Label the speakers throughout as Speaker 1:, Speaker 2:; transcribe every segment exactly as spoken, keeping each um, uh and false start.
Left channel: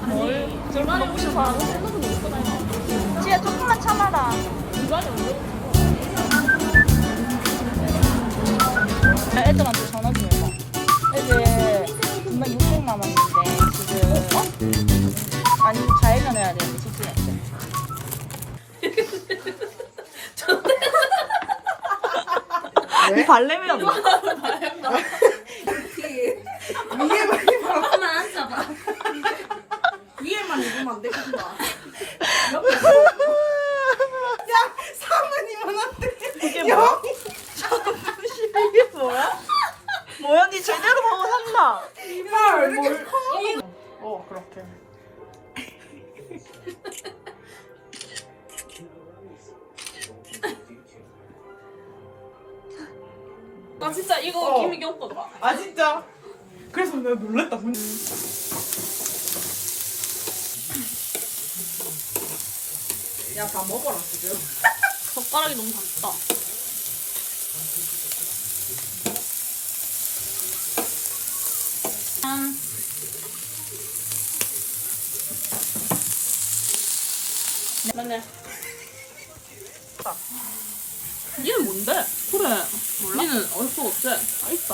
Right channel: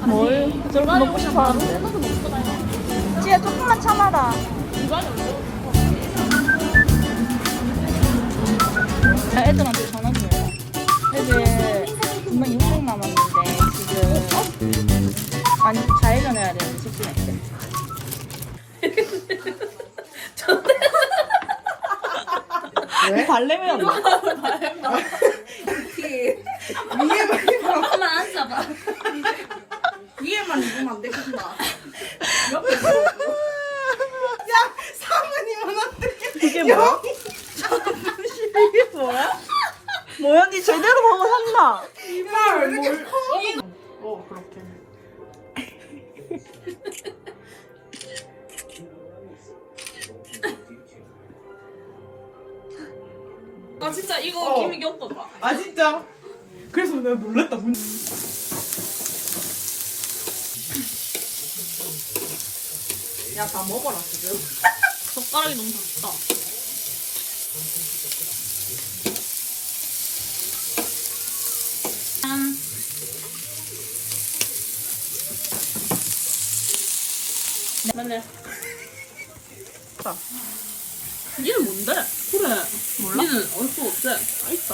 Speaker 1: 뭘 저렇게 먹고 싶어 하는데. 지혜 조금만 참아라. 애들한테 전화 좀 해봐. 애들 금방 인생 남았는데 지금 아니 좌회전 해야 돼. 직진할게. 왜? 발레면
Speaker 2: 이게 뭐
Speaker 3: 한번 앉아봐.
Speaker 2: 위에만 입으면 안 되겠다. 야, 사모님은 어떻게?
Speaker 1: 이게 뭐야? 이게 뭐야? 뭐야? 니 제대로 먹어 산다.
Speaker 2: 이걸 왜 이렇게 커?
Speaker 1: 어 그렇게.
Speaker 3: 아 진짜 이거
Speaker 2: 어.
Speaker 3: 김이 겹다.
Speaker 2: 아 진짜? 그래서 내가 놀랐다. 야, 다 먹어라 지금.
Speaker 3: 젓가락이 너무 작다. 짠. 맞네.
Speaker 1: 자.
Speaker 3: 니는 뭔데? 그래.
Speaker 1: 몰라?
Speaker 3: 니는 얼굴 어때? 아 있다.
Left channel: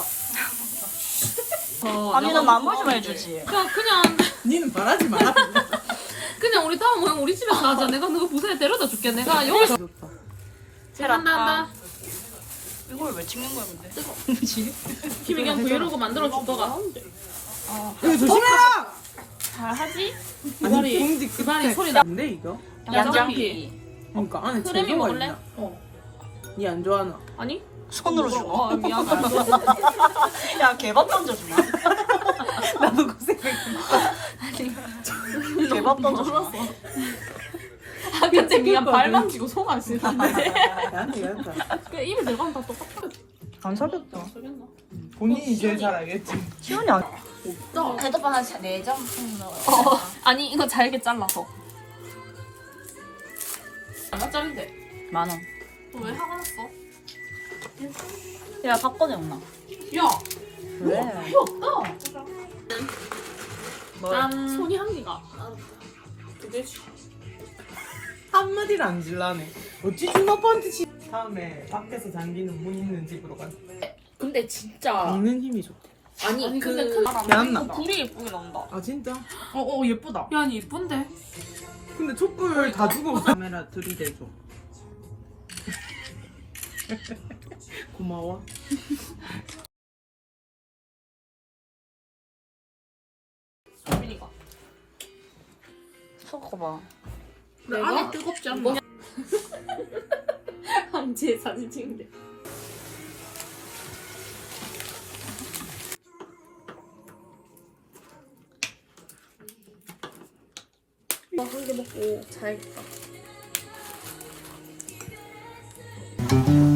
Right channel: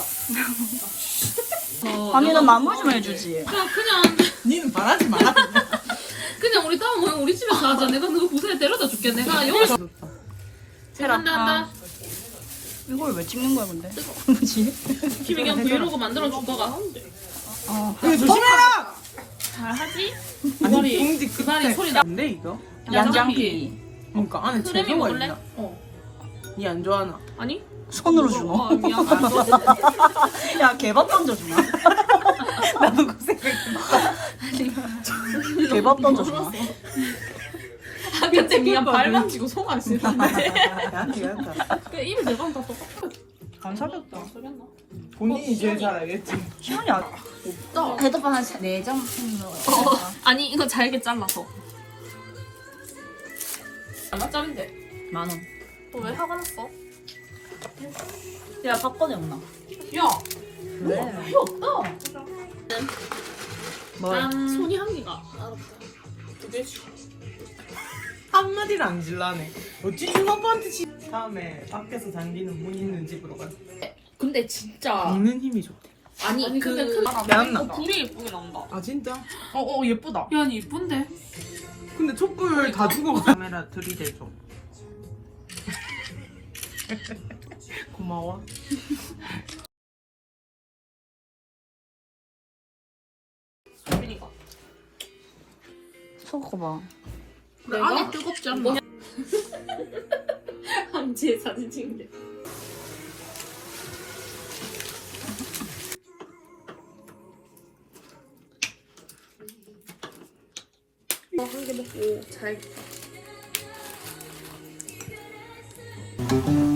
Speaker 3: 어,
Speaker 1: 아니는
Speaker 3: 이거-
Speaker 1: 마무리만 해주지.
Speaker 3: 그냥 그냥
Speaker 2: 니는 말하지 마.
Speaker 3: 그냥 우리 다음에 우리 집에서 하자. 내가 너 부산에 데려다 줄게. 내가 여기서
Speaker 1: 해라.
Speaker 3: 한다 한다.
Speaker 1: 이걸 왜 찍는 거야 근데? 뭐지?
Speaker 3: 김이 그냥 브이로그 만들어 줄 거가 하는데.
Speaker 1: 어.
Speaker 2: 조심해라.
Speaker 3: 잘하지? 이발이 이발이 소리 나.
Speaker 2: 뭔데 이거?
Speaker 1: 양장피.
Speaker 2: 그러니까 안에
Speaker 3: 크림이
Speaker 2: 재료가
Speaker 3: 먹을래?
Speaker 2: 있나?
Speaker 3: 어.
Speaker 2: 니 안 좋아하나?
Speaker 3: 아니?
Speaker 1: 손으로
Speaker 3: 어,
Speaker 1: 주고.
Speaker 3: 어, 미안.
Speaker 1: 야 개밥 던져주나?
Speaker 2: 나도 그 생각.
Speaker 1: 개밥 던져주나?
Speaker 3: 아, 그때 미안 발만 쥐고 손안 쓰는데.
Speaker 2: 약해 약해.
Speaker 3: 그 입에 내가 다 똑같아.
Speaker 1: 안 사줬다.
Speaker 2: 본인이 제일 잘 알겠지.
Speaker 1: 시간이 안.
Speaker 4: 배도파 한네 점
Speaker 3: 어, 아니 이거 잘게 잘라서. 얼마짜린데?
Speaker 1: 만 원.
Speaker 3: 너 왜 화가 났어?
Speaker 1: 야 사건이 없나?
Speaker 3: 야,
Speaker 1: 왜?
Speaker 3: 필요 없다.
Speaker 1: 뭐?
Speaker 3: 난 손이 한 개가. 두 개씩.
Speaker 2: 한마디를 안 질라네. 어찌 준아빠한테 지... 다음에 밖에서 당기는 문 있는 집으로 가.
Speaker 3: 근데 진짜
Speaker 2: 먹는 힘이 좋다.
Speaker 3: 아니,
Speaker 4: 아니,
Speaker 3: 근데
Speaker 4: 그-
Speaker 3: 그
Speaker 2: 잘했나
Speaker 3: 어,
Speaker 2: 봐.
Speaker 3: 굴이 예쁘게 나온다.
Speaker 2: 아 진짜? 어어 예쁘다.
Speaker 3: 야, 아니 예쁜데?
Speaker 2: 근데 촛불 다 주고 카메라 들이대줘. 고마워.
Speaker 3: 소민이가.
Speaker 1: 저거 봐.
Speaker 3: 내가
Speaker 2: 안에 뜨겁지 않나?
Speaker 3: 함지에 사진 찍는데. 나 한 개 먹고 자야겠다.